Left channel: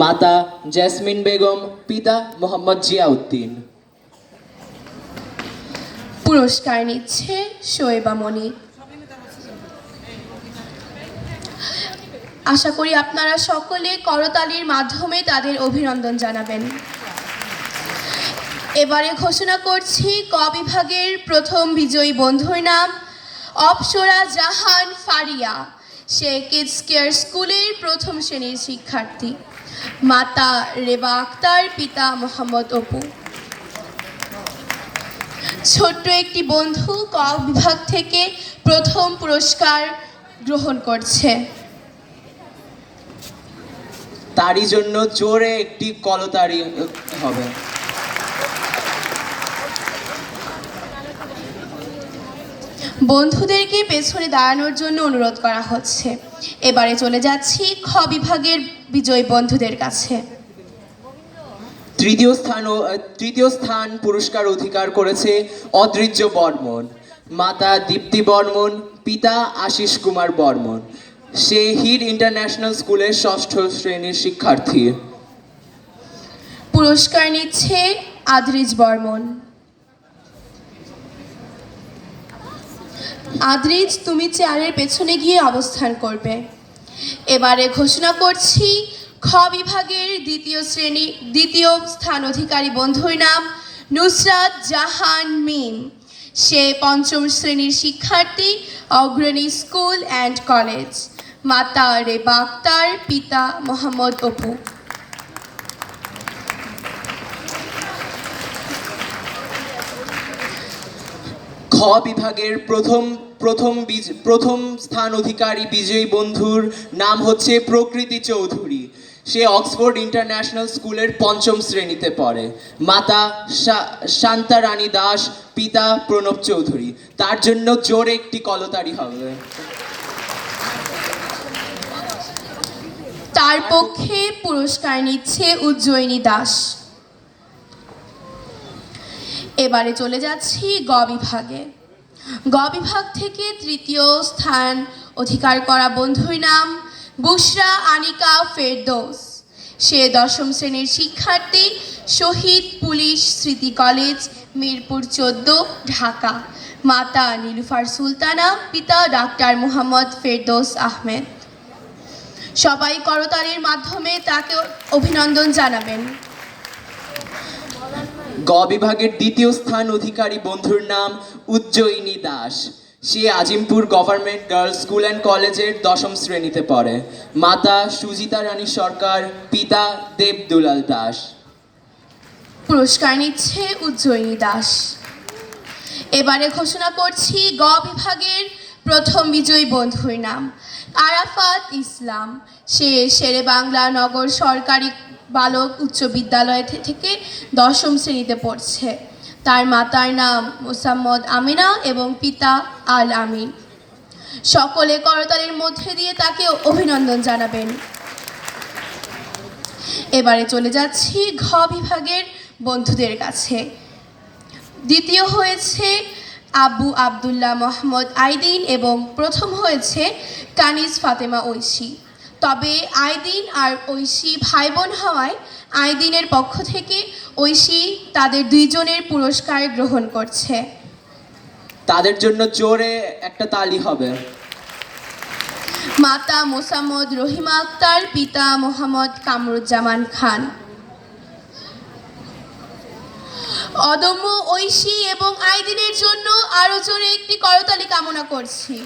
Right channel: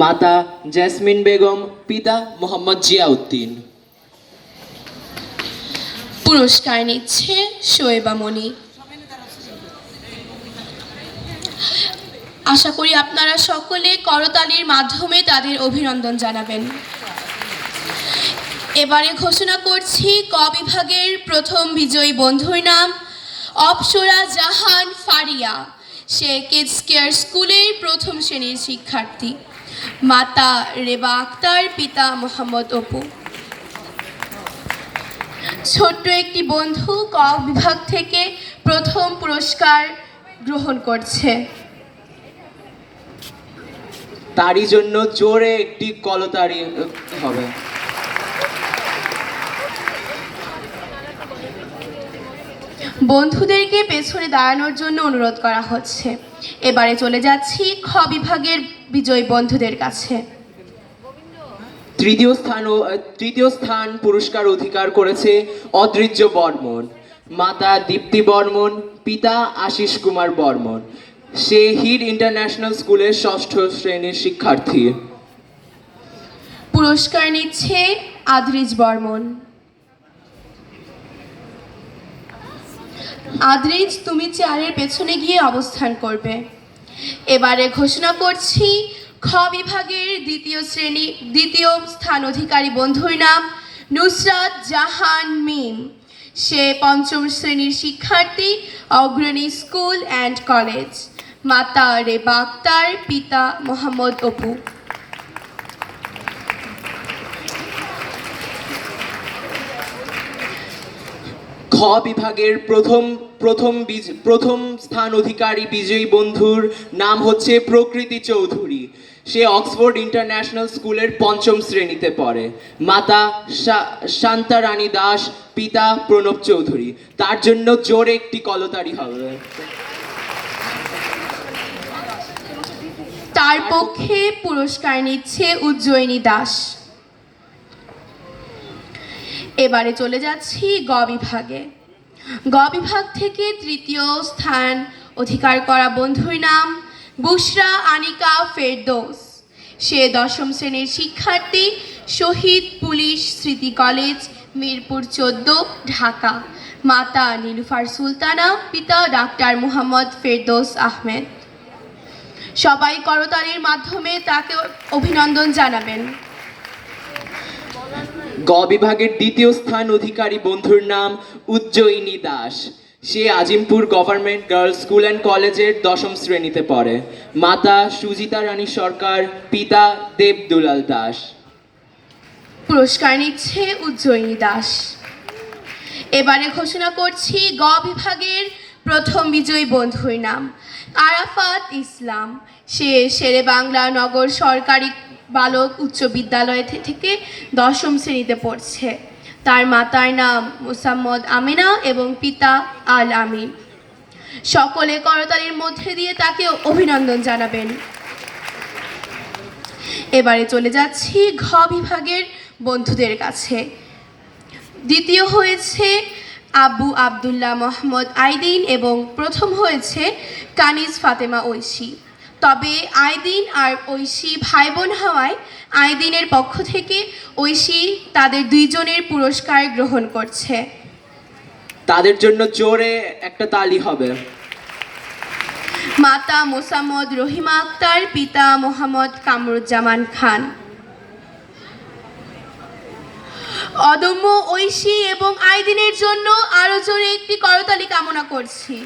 মাতা জেসমিন বেগম, পিতা মোহাম্মদ জিয়াউদ্দিন। পুরস্কার নিচ্ছে শোয়েবা মনি। আশা করি আপনারা সকলে করতালির মাধ্যমে তাদের অভিনন্দন জানাবেন। এবারে ঘোষণা করছি ক বিভাগের প্রথম বিজয়ী বন্ধুর নাম অপসরা জাহান ফারিয়া। সে কিডস কেয়ার স্কুলের প্রথম শ্রেণীর শিক্ষার্থী। মাতা রেবা আক্তার, পিতা মোহাম্মদ অপু। ছোট্ট একটি বন্ধু ক বিভাগ থেকে প্রথম পুরস্কার গ্রহণ করছে। তারই জন্য জোরে একটি কলতালি হবে। বন্ধুদেরকে পেছনে দাঁড়ানোর জন্য অনুরোধ করা হচ্ছে। এবারে চলে যাচ্ছি খ বিভাগের বিজয়ী বন্ধুদের কাছে। তৃতীয় স্থান পুরস্কার অধিকার করেছে অদ্রিজ্য বর্মন। মাতা দীপ্তি বর্মন, পিতা আশিস কুমার বর্মন। সে হিড ইন্টারন্যাশনাল স্কুলের ষষ্ঠ শ্রেণীর শিক্ষার্থী। পুরস্কার নিচ্ছে আদ্রিজ বর্মন। আদ্রিজ, তুমি চেয়ারের পেছনে গিয়ে অবস্থান করবে। এবারে ঘোষণা করছি খ বিভাগের দ্বিতীয় স্থান অধিকারী বন্ধুর নাম নুসরাত জাহান মিম। সে পঞ্চম শ্রেণীর শিক্ষার্থী, অগ্রণী স্কুল অ্যান্ড কলেজ। মাতা রেবা আক্তার, পিতা মোহাম্মদ অপু। খ বিভাগের প্রথম স্থান অধিকারী বিজয়ী বন্ধুর নাম হচ্ছে প্রকৃতি চৌধুরী। সে অক্সফোর্ড ইন্টারন্যাশনাল স্কুলের পঞ্চম শ্রেণীতে পড়ে। মাতা শান্তা রানী দাস, পিতা প্রণব চৌধুরী। তার জন্য জোরে একটি কলতালি হবে। তার পক্ষে পুরস্কার নিচ্ছে উজ্জয়িনী দাস। এবারে চলে যাচ্ছি গ বিভাগে। গ বিভাগ থেকে তৃতীয় স্থান অধিকার করা বন্ধুর নাম বুশরা আনিকা ফেরদৌস। সে দশম শ্রেণীর শিক্ষার্থী, শহীদ পুলিশ স্মৃতি কলেজ, মিরপুর 14, ঢাকা। মাতা নীলুফার সুলতানা, পিতা ডাক্তার মোহাম্মদ ফেরদৌস আহমেদ। সবাই করতালির মাধ্যমে তাকে অভিনন্দন জানাবেন। গ বিভাগের দ্বিতীয় স্থান অধিকারী বন্ধুর নাম উজ্জয়িনী দাস। সে Azimpur government girls school and কলেজের দশম শ্রেণীতে পড়ে। মাতা সুজিতা রানী সরকার, পিতা দেব দুলাল দাস। পুরস্কার নিচ্ছে উজ্জয়িনী দাস। এবারে ঘোষণা করছি গ বিভাগের প্রথম বিজয়ী বন্ধুর নাম আরাফাত ইসলাম। সে শেরে বাংলা নগর সরকারি বালক উচ্চ বিদ্যালয় থেকে দশম শ্রেণীতে পড়ছে। তার মাতার নাম মোসাম্মদ আমিনা এবং পিতা আল আমিন। সকলে করতালির মধ্যে দিয়ে তাকে অভিনন্দন জানাবেন। এবারে চলে যাচ্ছি ঘ বিভাগের বন্ধুদের কাছে। দ্বিতীয় হয়েছে আবু আবদুল্লাহ মোহাম্মদ আইদিন এবং প্রথম হয়েছে কানিজ ফাতেমা ঐশী। তবে আইদিন আর ঐশী ভাই বোন হওয়ায় আইদিনের পক্ষ থেকে ঐশী তাদের দুইজনের পুরস্কার গ্রহণ করছে। তাদের জন্য জোরে একটা তালি হবে। মাতা মোসাম্মদ রহিমা আক্তার, পিতা মোহাম্মদ কামরুজ্জামান খান। অদম্য ঐশী এবং আইদিনের জন্য আরো জোরে একটি করতালি কামনা করছি।